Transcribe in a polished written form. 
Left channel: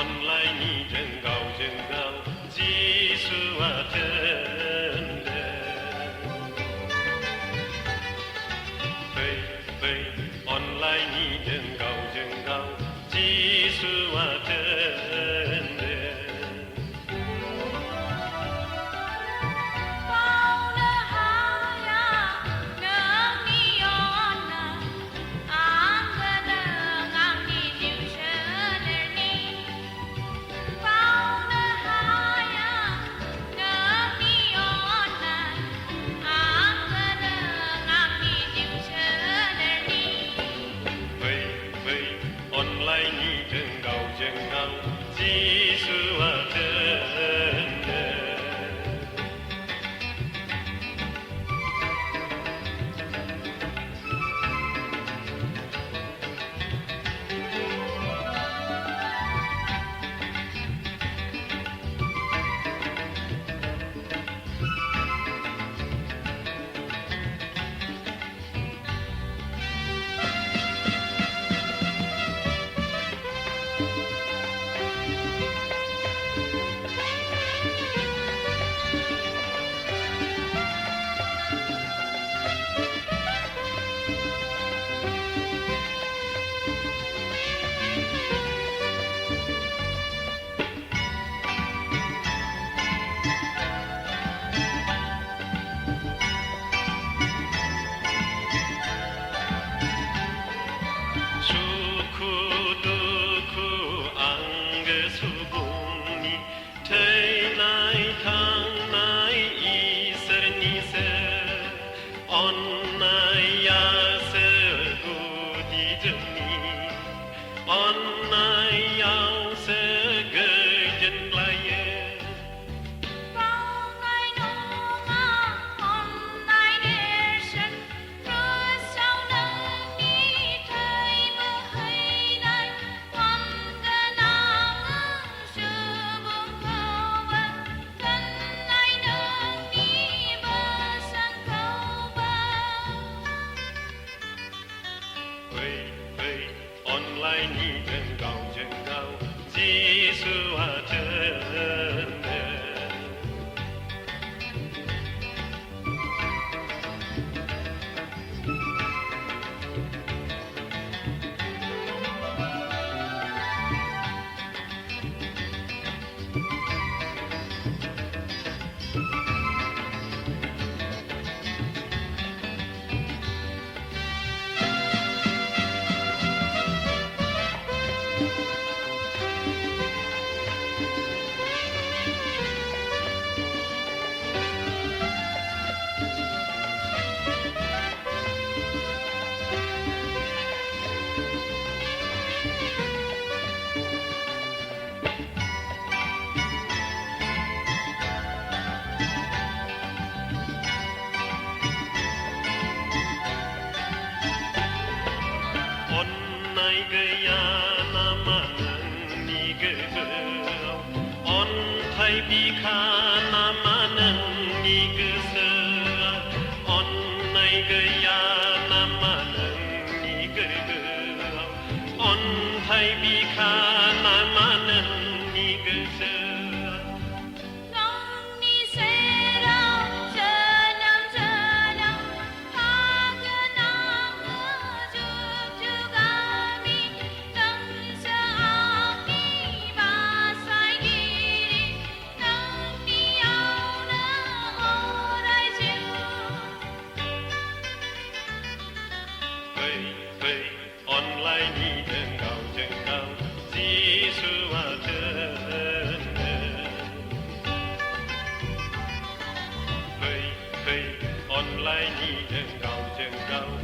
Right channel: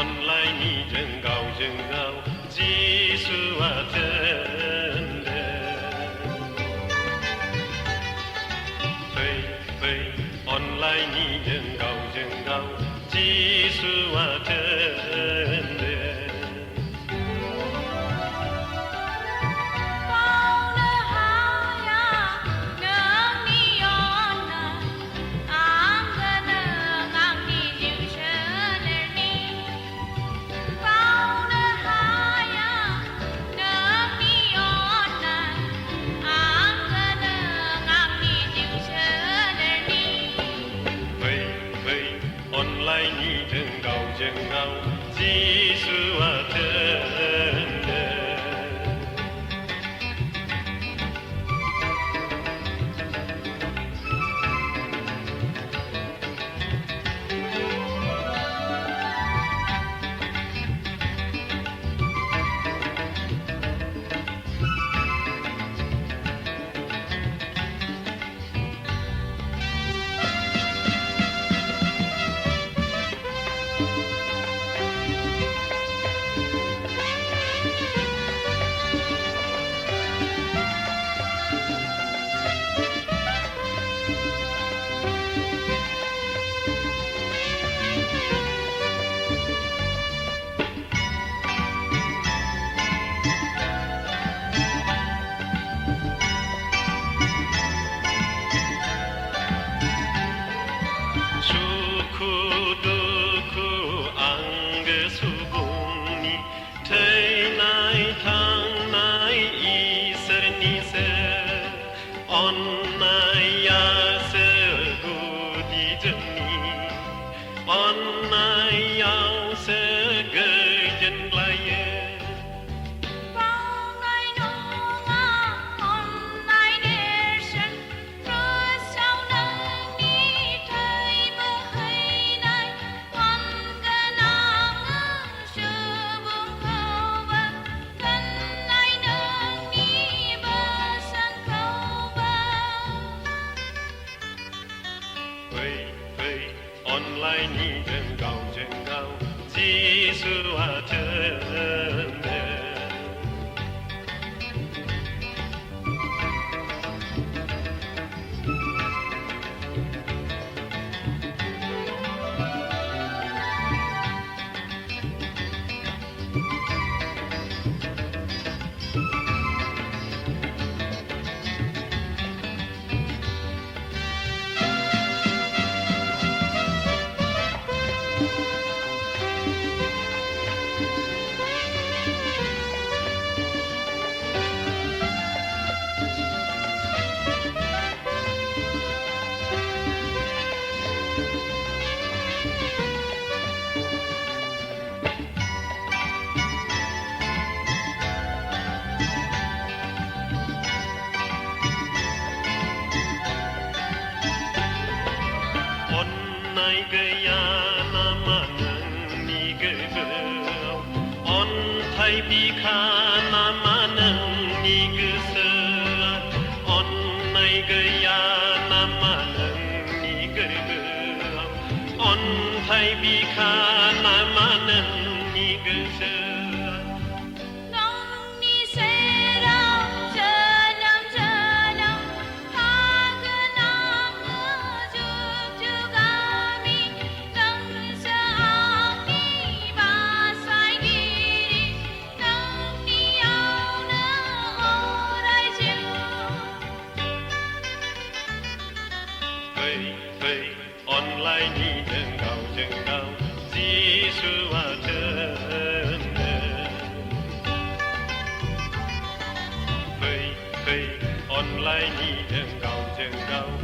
online rừng gào Giê-xu chân đèn phây online rừng gào Giê-xu chân đèn online rừng gào Giê-xu chân đèn Online ao sẽ gửi chân lại online rừng gào Giê-xu chân đèn thay vì khả năng mà nâng ni gần nông ni sẽ đau chờ nhau ta cứ nam chưa ga ni nâng sẽ ni ba sai đi nâng ni áo nơ ô đại chiều phây online đi rừng gào Giê-xu chân đèn phây online đi rừng gào